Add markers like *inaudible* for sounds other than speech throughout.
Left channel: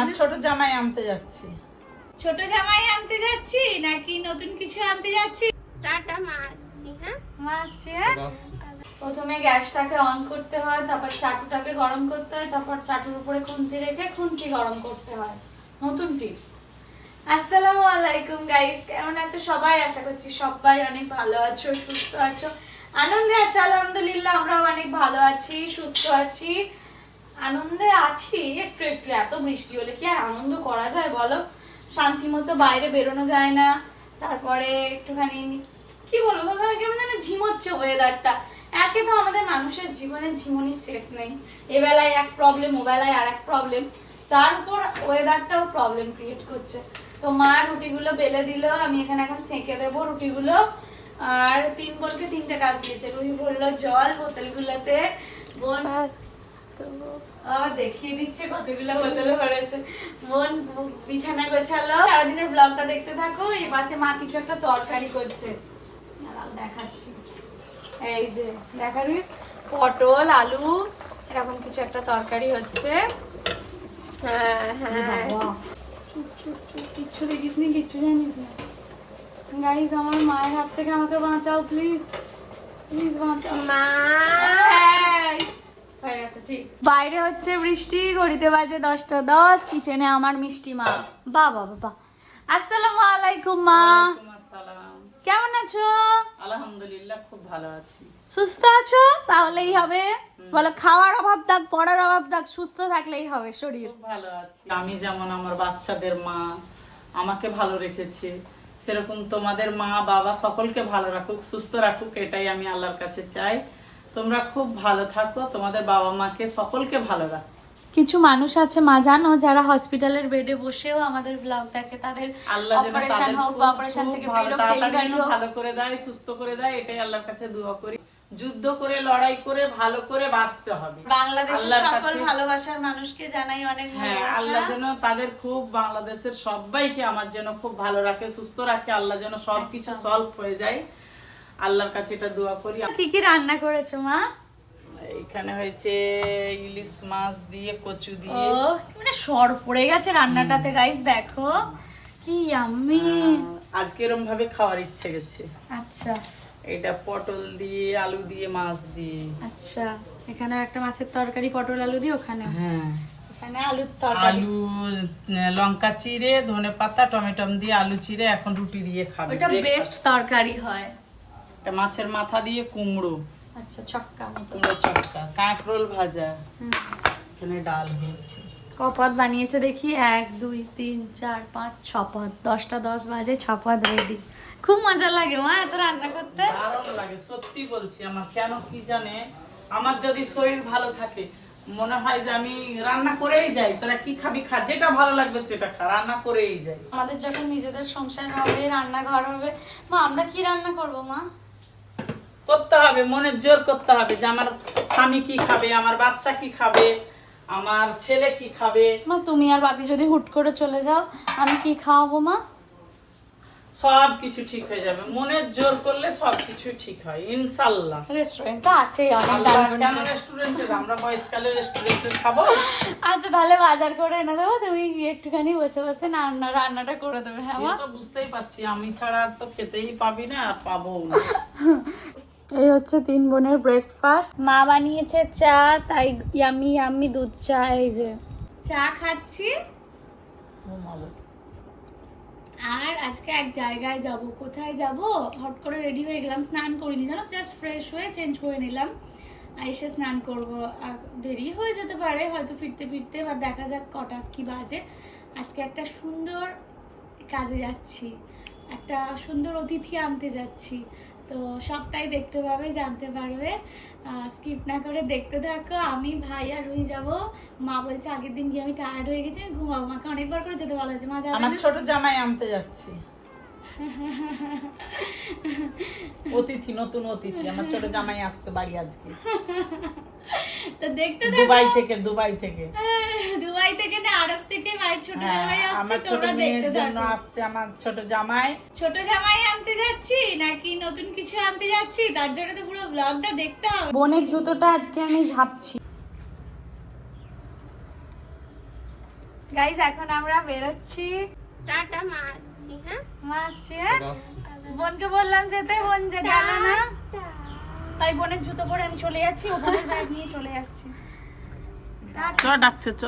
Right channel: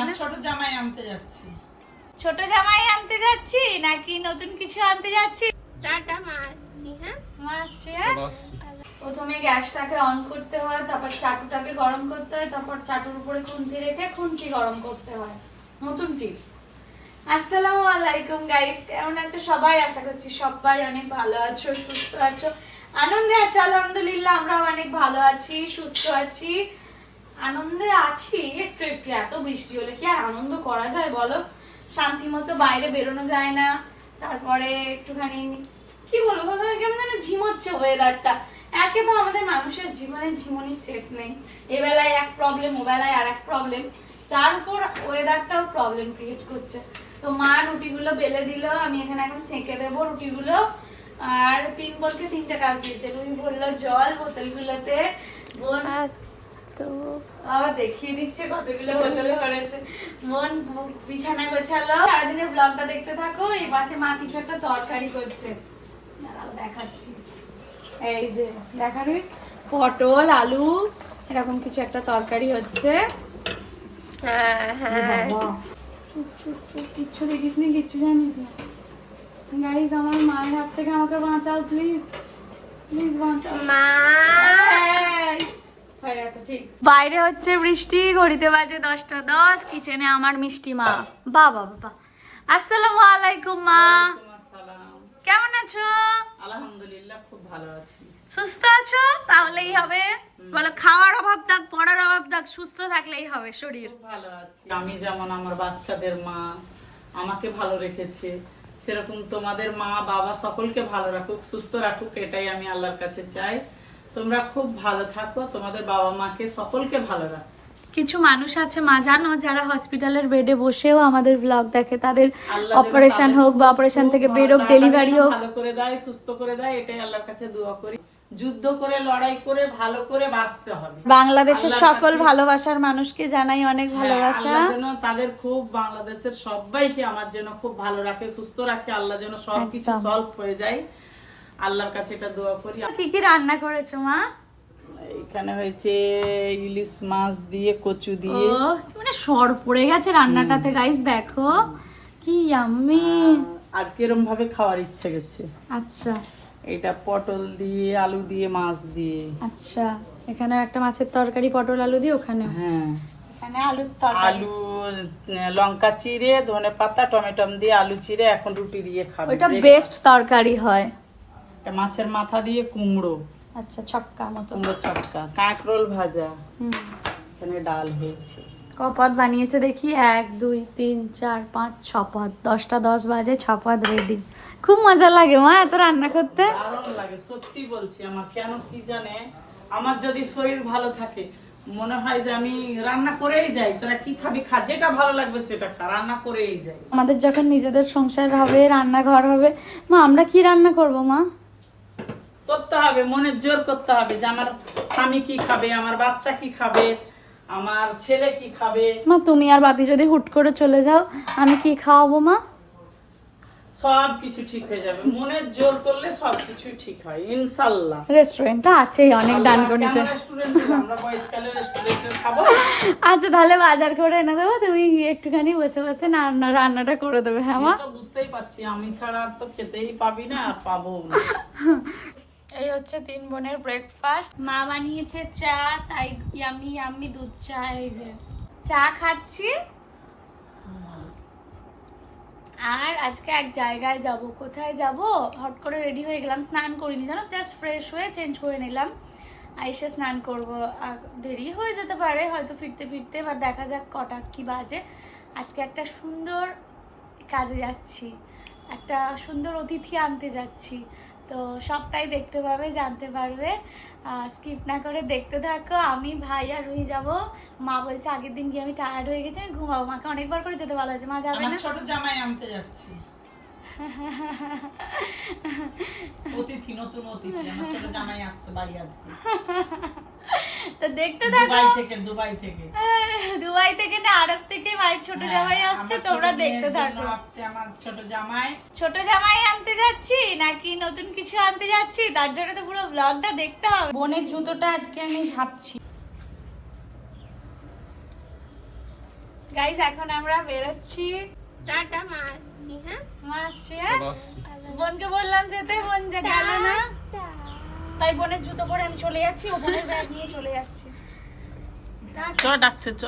আমার ছোট জামাই আনতে যাচ্ছি। ছোট জামাই আনতে যাচ্ছি নাকি নতুন কিছু আনতে যাচ্ছি? টাটা মা আসছি হ্যাঁ? মা আসছে, হ্যাঁ? প্রথমে গ্যাসটাকে অন করতে হয় তারপর চাটুটাকে গরম করতে হয় তারপর চাটুর উপরে খুন্তি রেখে খুন্তি গরম করতে হয়। নতুন টিপস। আসসালামু আলাইকুম গাইস কেমন আছো সবাই? আশা করছি সবাই অনেক ভালো আছো সুস্থ আছো। আনন্দে আছো আলহামদুলিল্লাহ আমরা অনেক ভালো আছি সুস্থ আছি। আনন্দে আছি। একটু একটু, এত বৃষ্টি হলে কি আর আনন্দ করা যায় বলো? শান্তি মতো বাইরে বেরোনো যায় না। তারপরে একটুখানি, কি বলব কেমন যেন ঝিমোচ্ছে ওয়েদারটা একে তো আমাদের মানুষের জীবনে ঝিমনির শেষ নেই। এবেলায় এক প্রবলেম ওবেলায় আর এক প্রবলেম তারপর ওয়েদারটাও প্রবলেম ক্রিয়েট করছে। তো মা রুটিগুলো বেলে দিল, আমি এখানে এখন সেঁকে দেবো রুটিগুলো। আর তিন বোনকে তিনটে কাজ দিয়েছে। রুই ভরলো জল, বোতলগুলোতে। বোন তো আবার দেখিয়ে দিচ্ছে কতগুলো বোতলে ভরেছে মন বিছানা গোছালো। সারাদিনের ব্লগটা দেখতে থাকো এই পাশে মা কিছু একটা তরকারি করছে। দেখাচ্ছি। এই যে দেখাবি পটল আলু এরকম কিছু একটা তরকারি হচ্ছে। হ্যাঁ হ্যাঁ। কিচ্ছু দেখিস নি কিচ্ছু জানিস না। গাইজ আমার মায়ের হাত থেকে আমাকে বাঁচাও প্লিজ প্লিজ বাঁচাও। মা! বাইরে হচ্ছে বৃষ্টি ঘড়িতে বাজে দশটা দশ কিচেনে আমার মিষ্টি মা। বাবা বাবা আসসালামু আলাইকুম মা। কেমন আছো? আলহামদুলিল্লাহ খুব ভালো আছি। সুস্থ আছো? তাহলেই হবে। বলো খাওয়ার অভাব থাক পড়ার অভাব থাক সুস্থ থাকলেই হবে শরীর। ভালো আছি। আমি যেমন আমার বাচ্চাদের মা আমাকে ভালো রেখেছে সেরকম তোমাদের মা বাবা সকলকে ভালো রাখুক সুস্থ রাখুক এটাই আমি আল্লাহর কাছে চাই। তোমরা খুব ভালো থাকো তোমাদের বাবা মাকে সকলকে ভালো রাখো। কিছু মানুষ আছে মা জানো যারা হসপিটালের বেডে বসেও আমাদের ব্লগ দেখে। তাদের অপারেশন হোক বা অপারেশন থেকে বেরোক তাড়াতাড়ি ডেলিভারি হোক। ভালো করে দেয় সুস্থ করে দেয় এটাই আল্লাহর কাছে দোয়া করি। যুদ্ধ করে লড়াই করে ভালো করে বাঁচতে হবে। বাংলাদেশের সকল ভালোবাসার মানুষকে জানাই অনেক হ্যাঁ ভালোবাসা। আল্লাহ যেন তাদের খুব বাংলাদেশের সবাইকে আমার যেন খুব ভালো রাখে সুস্থ রাখে আল্লাহ যেন সবকিছু সলভ হয়ে যায়। আল্লাহর কাছে এটা দোয়া করি। কি কি রান্না করেছ মা? এখানে হয়েছে ইলিশ মাছ দিয়ে কচু ও দিয়ে মানে সর পড়ে গেছে রান্নাটাতে গাইস দেখো। কি আমি আজকে এরম ভাবে খাওয়ার ইচ্ছে গেছে। আচ্ছা। এটা পটল দিয়ে আলু দিয়ে মাছ দিয়ে। আচ্ছা। এখানে একটা মাছের তরকারি পটল আলু দিয়ে ওখানে হ্যাঁ। আলুর আলু লঙ্কা চিড়ে ধনে পাতা টমেটম দিয়ে আলু চিড়ে এখন রুটি দিয়ে খাবে। এটা বেস্ট তরকারি হয়। এটা মাছের মাথা দিয়ে কুমড়ো। আচ্ছা ছক্কা মতো। কুমড়ো চটকা কাঁকরোল ভাজা। এখানে ডাল হয়েছে। কপদ বানিয়েছে দেখি এক দুই তিন চার পাঁচ ছ পদ। দশটা দশ বাজে ছ পদ রেডি খুব মজা লাগে মা এত রান্না করতে। দারুণ লাগে সত্যি বলছি আমার কেন কি জানে? আমার যদি শরীর ভালো থাকে মনে হয় যে আমি রান্না করেই যাই তোরা কি খাবি খা যেটা ভালো লাগবে সেটা খা রান্না করেই যাই। আমাদের যখন নিজেদের সংসার হবে রান্নাঘর হবে মা আমরা কি রান্না করব মা? করতে হবে মনের জোর করতে হবে যে আমার স্বামী কি খাবে আমার বাচ্চা কি খাবে আমার ছেলে কি খাবে। মা তুমি আর বাপি যদি হুট করে চলে যাও আমি কি খাওয়াবো মা? সব কিছু ঠিক হয়ে যাবে। মনের জোর করলে সব কিছু ঠিক হয় ইনশাল্লাহ। রেস্টুরেন্ট আছেই অনেক। কেন রেস্টুরেন্টে আমরা বয়সকালে রেস্টুরেন্টে খাব? আচ্ছা তাহলে বাজার করে এনে দেবো তুমি একটুখানি বসে বসে রান্না রান্নাটা করে দেবে হ্যাঁ মা? বুঝতেই পারছি আমি ছাড়া আর তো খেতেই পাবি না আর পাবো না। *laughs* এই হচ্ছে তিন বোনের ব্রেকফাস্ট মা বানিয়েছে চা, তাই ইয়ামি ইয়ামি দুধ চা, এই যে। চা খাচ্ছি। আর আজকে এক জায়গায় যাব। কোথায় যাব? হট করে রেডি হয়ে গেলাম, স্নান করিনি। জানো জাস্ট ফ্রেশ হয়ে চেঞ্জ করে নিলাম। আইসে স্নান করব। আর দেরি হয়ে যেতে পারে, হয়তো ফিরতে ফিরতে, বা দেখা যাক কটা কি বাজে। আজকে একটা সুন্দর কাজে যাচ্ছি। একটা সুন্দর অতিথি আনতে যাচ্ছি। তো সবটাই দেখতে পাবে জানতে পারবে। স্কিপ না করে দেখতে থাকো। আমি ভাই আর রুই যাব। মা বলছে আগের দিন গিয়ে আমি টায়ার্ড হয়ে গেছি আমি ঘুমাবো। মাকে অনেকবার করে যেতে ভালো হয়েছে। মা যাবে না ছোট জামাই আনতে যাচ্ছি। *laughs* অতিথি নতুন অতিথি। আমার ছোট জামাই আসছে বাড়ি আজকে। *laughs* তো দেখতে থাকো। দুবাই থেকে দুবাই থেকে। দুবাই থেকে না আরব থেকে মায়ের ছোট জামাই আসছে তোমরা দেখতে থাকো। আসছে আমার ছোট জামাই। ছোট জামাই আনতে যাচ্ছি নাকি নতুন কিছু আনতে যাচ্ছি? তার জন্য তো পুরো ব্লগটা দেখতে হবে। বোনের জুতোটা আজকে আমি ঝাপছি। গাইস এখন আমরা বেরোচ্ছি। টাটা মা আসছি হ্যাঁ? মা আসছে হ্যাঁ? বোনকে বললাম যেতে বোন যে গেল না। তাই বোনের জুতো পরে আমি চলে যাচ্ছি ও বোনের ব্যাগ নিয়ে চলে যাচ্ছি। চ ডাকছে চ?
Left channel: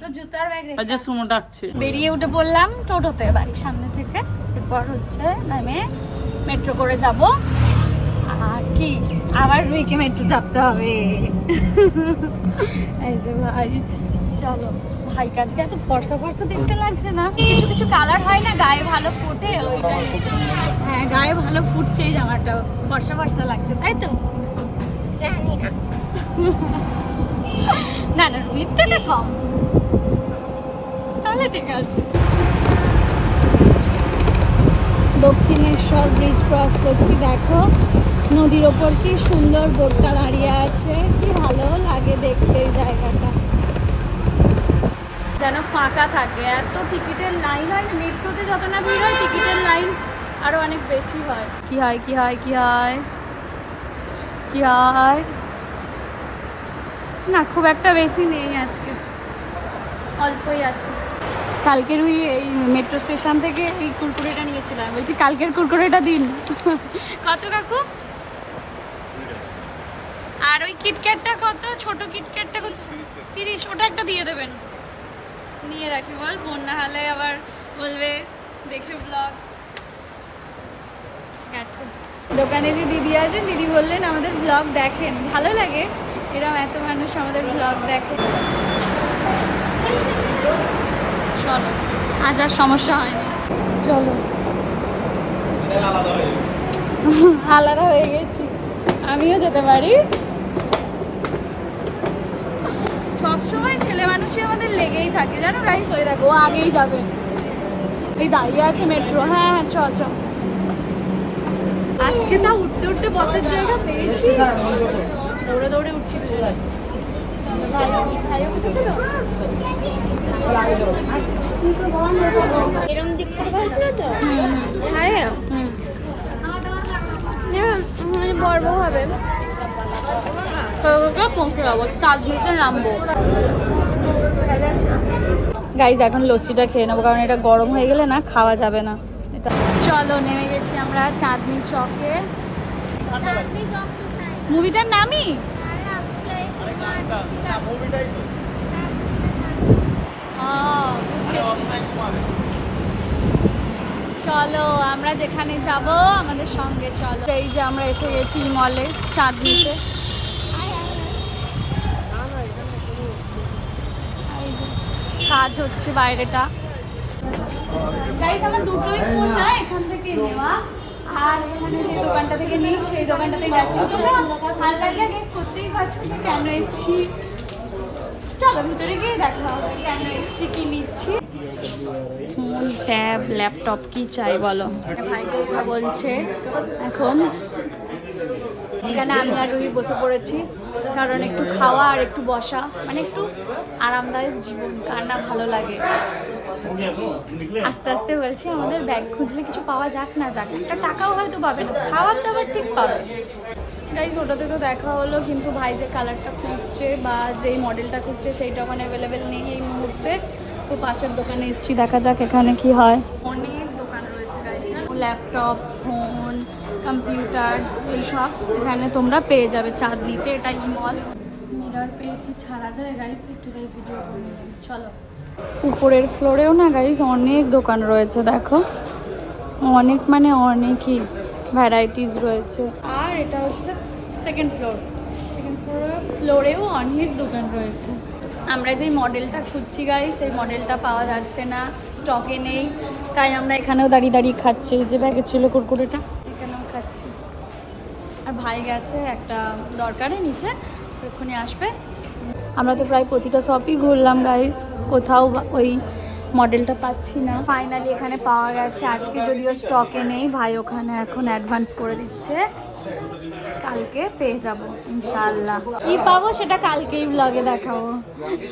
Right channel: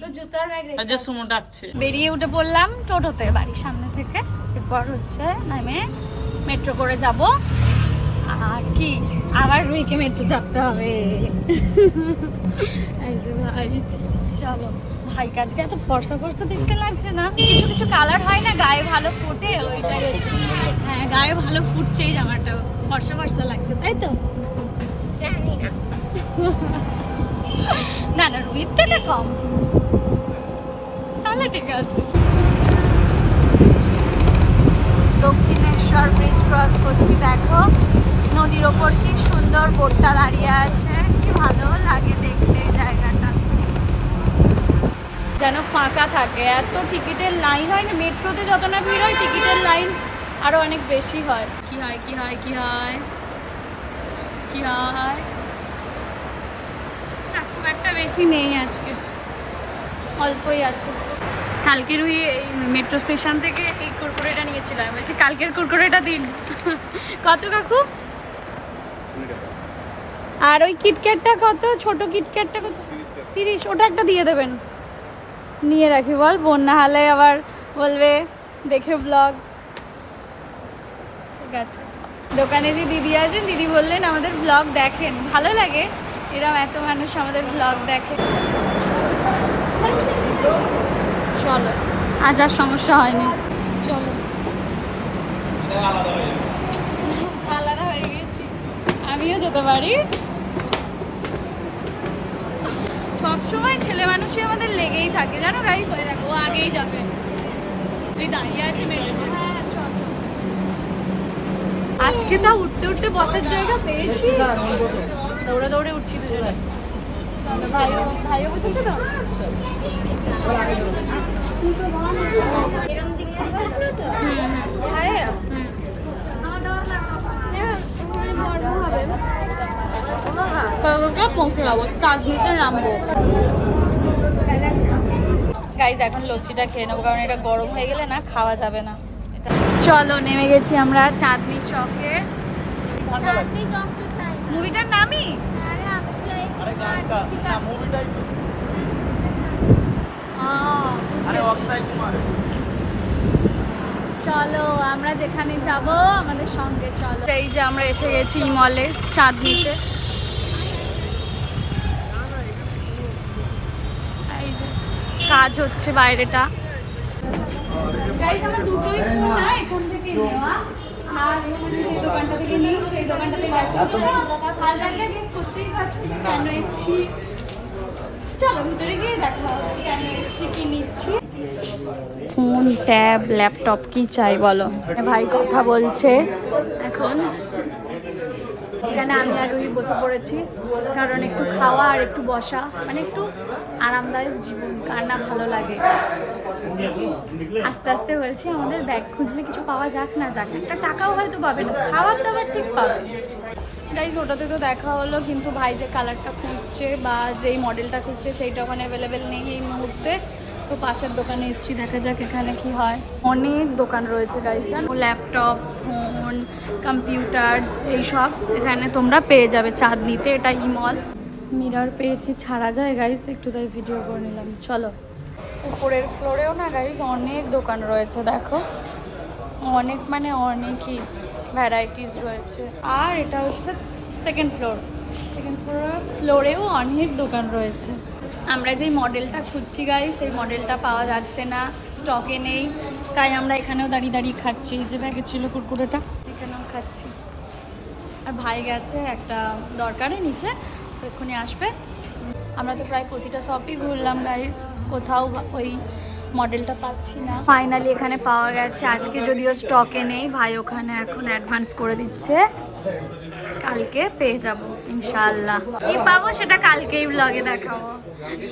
তো জুতার ব্যাগ ওই সুমো ডাকছে। বেরিয়ে উঠে পড়লাম টোটোতে বাড়ির সামনে থেকে। এরপর হচ্ছে নামে মেট্রো করে যাব। আর কি আবার রুইকে মেট্রো চাপতে হবে। এই যে ভাই চলো। ভাই কাজকে এত ফর্সা ফর্সা দেখতে লাগছে না? কিছু কিছু কালার হয় না গায়ে ভালো ফুটে ওইটাই হ্যাঁ গায়ে ভালো ফুটছে এই জামাটা। ফর্সা ফর্সা লাগছে তাই তো? জানি না। না না রুইর থেকে কম। তাহলে ঠিক আছে দক্ষিণেশ্বর ব্রিজ ক্রস করছি দেখো নদীর ওপর কি সুন্দর বোটটা দাঁড়িয়ে আছে কি ভালো লাগে দেখতে এই জায়গাটা যেন ফাঁকা থাকে। এত টিকিটের লাইন হয় না মেট্রোতে যত না ভিড় হয়, টিকিটের লাইন আরও অনেক বেশি হয়। কি হয় কি হয় কি হয়? কি হয়? না, খুব একটা বেশি নেই আজকে। অল্পই আছে। কালকের ওই মেট্রো স্টেশন থেকে এই কুরকুরেটা নিয়েছিলাম। বলছি, কালকের কুরকুরেটা দিন। কত কাকু? আর ওই কিটক্যাটটা কত? ছোট কিটক্যাটটা কত? তিরিশ। ওটা একটা দিয়ে দেবেন। নিয়ে রাখি বল। বন্যা হলে আবার বলবে দেখে ব্লগ ঠিক আছে। দোকানে যে দিদি আছেন দিদি বললেন আমাদের ব্লগ দেখেন। ভালো লাগে এরকম এত মানুষ আমাদের ব্লগ দেখে। চলো আজ আর সমস্যা হয়নি। চলো। আলাদা হয়ে গেছি। আমিও যেতে পারি। সবসময় ছেলে মানুষই আমাদের লেগেই থাকে। জানো গাইস ওই দেখো ও আগেই যাবে। ওই দাঁড়িয়ে আছে মেট্রো হ্যাঁ হ্যাঁ চ চ। আজকে তা উঠতে উঠতে বসার জায়গা পেয়েছি। দৌড়ে দৌড়ে উঠছি দুজনে। চলো বর্ব হবে। পৌঁছে যাব। চাঁদনিতে নামবো। গাইজ এখন লস্যিটা খেয়ে নেব কারণ এটা গরম হয়ে গেলে না খাওয়া যাবে না। এটা চলো নেমে গেছি আমরা চাঁদনি চকে। চাঁদনি চক টু মুভিটার নামই। চলো আমরা যেখানে যাব আমাদের সঙ্গে চলো। এই যে আমরা এসে গেছি মলে চাঁদনিতে এই যে কাজ হচ্ছে বাইরেটা। গাইজ আমরা দুটোই ফুল না এখান থেকে নেওয়া। আর যে দোকানটা থেকে নেই সেই দোকানটাতে যাচ্ছি তোমরা। হালকা হালকা গেস করতেই পারছ যে কেন এসেছি? চলো ভিতরে গিয়ে দেখা হবে কেন এসেছি কি নিচ্ছি। ফোন ট্যাব ল্যাপটপ কি চাই বলো? ভাই কথা বলছে। এখন এখানে আমি আর রুহি বসে পড়েছি, কারণ একটু খাওয়া আর একটু বসা মানে একটু আরামদায়ক জীবন, কার না ভালো লাগে। আস্তে আস্তে বলছি, আমাদের ব্যাগ খুঁজলে কিছু পাওয়া যাক না যাক, একটা টাকাও হয়তো পাবে না, খাওয়ার দাবার ঠিক পাবে। গাইজ ওটাতে তো দেখা হলো, কিন্তু ভাই যে কালারটা খুঁজছে বা যেই মডেলটা খুঁজছে, সেইটা ওখানে অ্যাভেলেবেল নেই এই মুহূর্তে। তো পাশের দোকানে এসছি দেখা যাক এখানে কি হয়। অনেক দোকান রয়েছে গাইজ ল্যাপটপ ফোন কম্পিউটার এইসব। এখানে তোমরা পেয়ে যাবে চাঁদনিতে এটা ইমল মিরার পেয়েছি ছাড়া যায় গাইজ একটু তাই ভিডিও করে নিলাম। চলো। উপরের ফ্লোরেও না গাইজ অনেক দোকান রয়েছে দেখো। অনেক মানে অনেকই ভ্যারাইটিস রয়েছে। আর এটা হচ্ছে সেকেন্ড ফ্লোর সেকেন্ড ফ্লোর ফ্লোরেও অনেক দোকান রয়েছে। আমরা যেই মডেলটা খুঁজছি গাই সেই মডেলটা পাওয়া যাচ্ছে না স্টকে নেই। তাই আমরা এখানেও দাঁড়িয়ে দাঁড়িয়ে খাচ্ছি যে ব্যাগে ছিল কুরকুরেটা এখানেও খাচ্ছি। আর ভাই গেছে একটা দরকারে নিচে তো এক্ষুনি আসবে। আমরা তো প্রায় প্রতিটা শপই ঘুরলাম গাই কোথাও ওই মডেলটা পাচ্ছি না। ফাইনালি এখানে পাওয়া গেছে আজকে যদিও স্টকে নেই ভাই ওখানে এখন অ্যাডভান্স করে দিচ্ছে। কালকে পেয়ে যাব ইনশাল্লাহ কি পাবো সেটা কালকেই ব্লগে দেখাবো।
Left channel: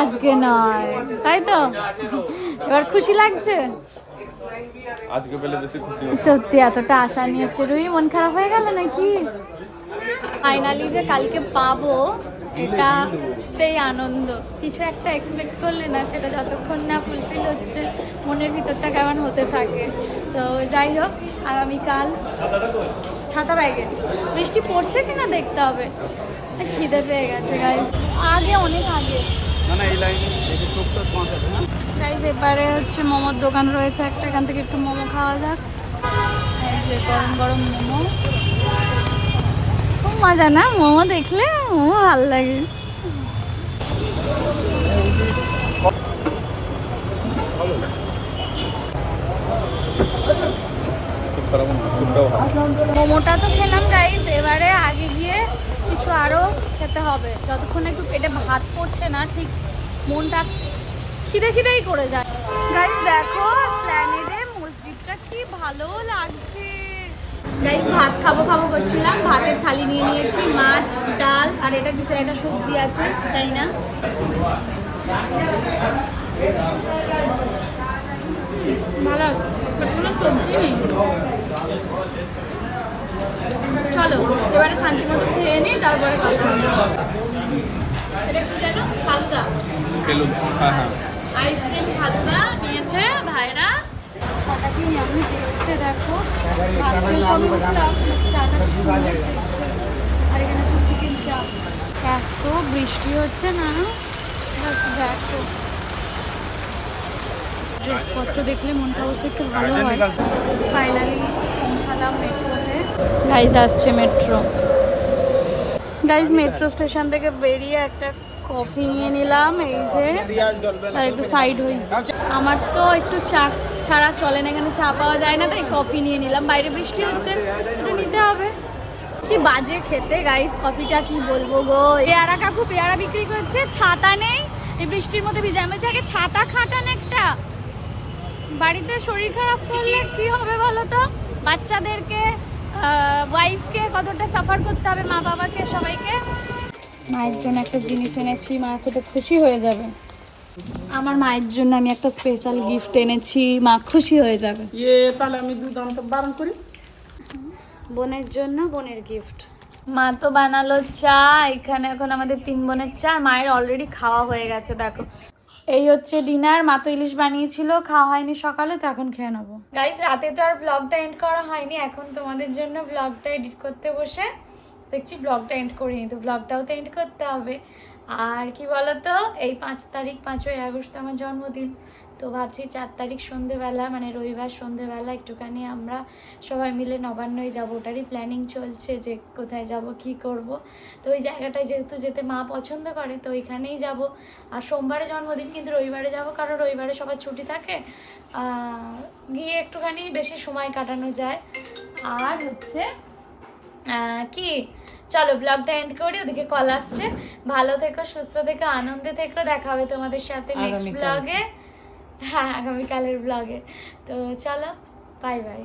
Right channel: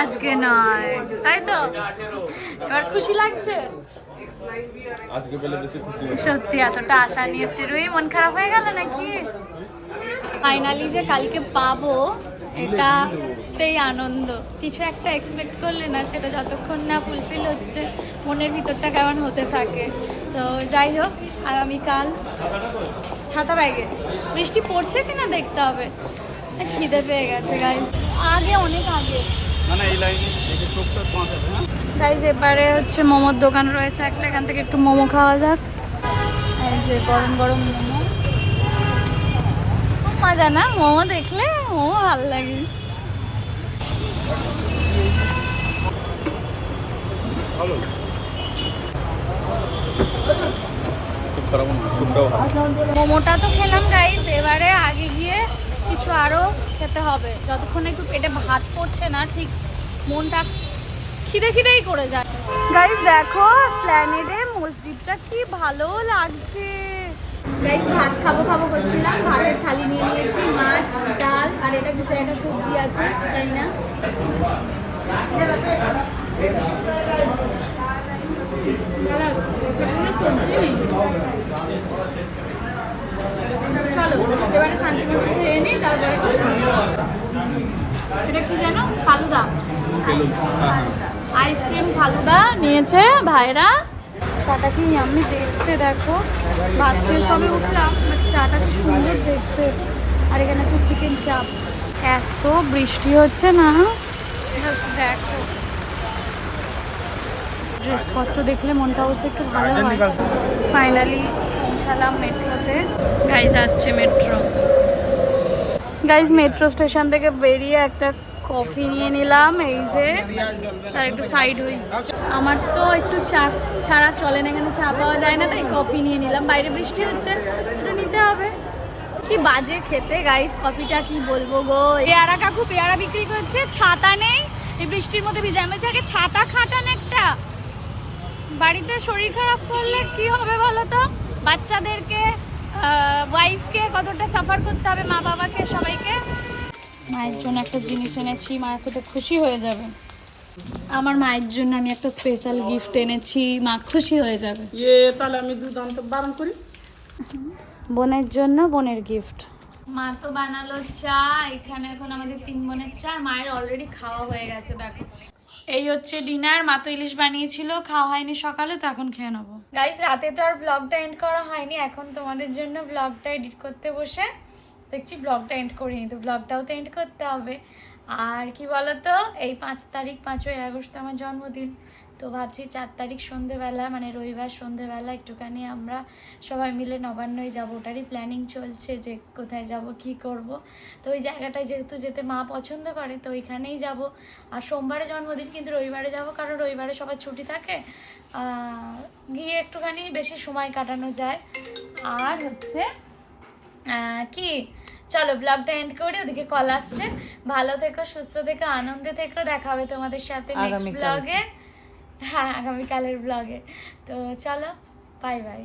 আজকে নয়। তাই তো? এবার খুশি লাগছে? আজকে পেলে বেশি খুশি সত্যি এতটা আশা নিয়ে এসছে। রুই মন খারাপ হয়ে গেল নাকি? ফাইনালি যে কালকে পাবো এটা এমনিতেই আনন্দ। কিছু একটা এক্সপেক্ট করলে না সেটা যতক্ষণ না ফুলফিল হচ্ছে মনের ভিতরটা কেমন হতে থাকে। তো যাই হোক আগামীকাল ছাতা ব্যাগে। বৃষ্টি পড়ছে কিনা দেখতে হবে। খিদে পেয়ে গেছে গাইজ আগে অনেক আগে। না এই লাইনে চোখটা বাঁচাবে হ্যাঁ? গাইজ এবারে হচ্ছে মোমোর দোকান রয়েছে একটা এখান থেকে একটু মোমো খাওয়া যাক। এই যে গরম গরম মোমো। খুব মজা না? মোমো দেখলে মোমো ভালো লাগে। মোমোটা তো খেলাম গাইস এবারে আগে গিয়ে কিছু আরও খেতে হবে। যতক্ষণ একটু পেটে ভাত পড়ছে না, ঠিক মনটা খিদে খিদেই করে যায়। গাইস দেখো স্প্ল্যানেডে মসজিদটা কি ভালো লাগছে। গাইস ভাত খাব খাব করছিলাম, ভাতের থালি নিয়ে নিয়েছি, মাছ, ডাল, আর এটা কিছু একটা সবজি আছে, তাই না? ভালো আছে। সবজি নেই। চলো, এবারে শান্তি মতো খেয়ে নিই তারপরে কথা এটা জানো ফালুদা। আইসক্রিম ফালুদা নিয়েছে ভাইরা। চাটা কি আমি দেখতে দেখো। ভাত খেয়ে সবে চাটা কি সুন্দর দেখতে। আর এখানে হচ্ছে চিকেন চাপ। এত বৃষ্টি হচ্ছে না? দেখো ড্রেসপত্র দেখলে মনটা অবশ্য একটু ভালো হয়। ফাইনালি পৌঁছালাম মেট্রোতে। গাইজ আসছে মেট্রো। গাইজ মেট্রো স্টেশন থেকে বেরিয়ে একটা কফি নিয়ে নিলাম, এই যে, আর একটু সাইড হই। আমার তো একটু চা, ছাড়া চলে না, এখানে চা পাওয়া যায় না, তাই কফি নিয়ে নিলাম। বাইরে বৃষ্টি হচ্ছে একটু নিতে হবে। কি বাজে খেতে গাইস কফিটা কি বলব গো? পেয়ারা কাকু পেয়ারা বিক্রি করছে, ছাতা নেই। এই বৃষ্টির মধ্যে ভিজে আমি আগে ছাতা খাটান একটা। বাড়িতে শরীর খারাপ করলে কি হবে বলো তো? বাচ্চাদেরকে ওয়াইফকে কতটা সাফার করতে হবে মা বাবাকে সবাইকে? মায়ের জন্য একটা জিনিস এনেছি মা খেতে খুশি হয়ে যাবে। আমার মায়ের জন্য আমি একটা স্পেশাল গিফট এনেছি মা খুশি হয়ে যাবে। ইয়ে তাহলে আমি দুধ আনতে বারণ করি? বোনের জন্য বোনের গিফট মা তো বানালো চা এখানে এখন আমাদের তিন বোনের চা মায়ের অলরেডি খাওয়া হয়ে গেছে দেখো। এই হচ্ছে ডিনার, মা তো ইলিশ বানিয়েছিল, খাওয়া হয়নি সকালে, তো এখন খেয়ে নেব। গাইস রাতে তো আর ব্লগটা এন্ড করা হয়নি, এখন তোমাদের জন্য ব্লগটা এডিট করতে বসে দেখছি ব্লগটা এন্ড করিনি, তো ব্লগটাও তো এন্ড করতে হবে। আর কি বলতো, এই পাঁচ তারিখ পাঁচই আগস্ট, আমার জন্মদিন। তো ভাবছি চার তারিখ সন্ধেবেলা মানে রবিবার সন্ধেবেলা একটুখানি আমরা সবাই মিলে নবান্নয় যাব। ওটারই প্ল্যানিং চলছে যে কোথায় যাব কি করব। তো ওই জায়গাটায় যেহেতু যেতে মা পছন্দ করে তো ওইখানেই যাব। আর সোমবারে জন্মদিন কিন্তু রবিবারে যাব কারণ রবিবারে সবার ছুটি থাকে। গিয়ে একটুখানি বেশি সময় কাটানো যায়। আর হচ্ছে কি? চলো ব্লগটা এন্ড করি ওদিকে কল আসছে। ভালো থেকো সুস্থ থেকো আনন্দে থেকো দেখা হবে তোমাদের সাথে নেক্সট ব্লগে হ্যাঁ আগামীকালের ব্লগে তো চলো বাই বাই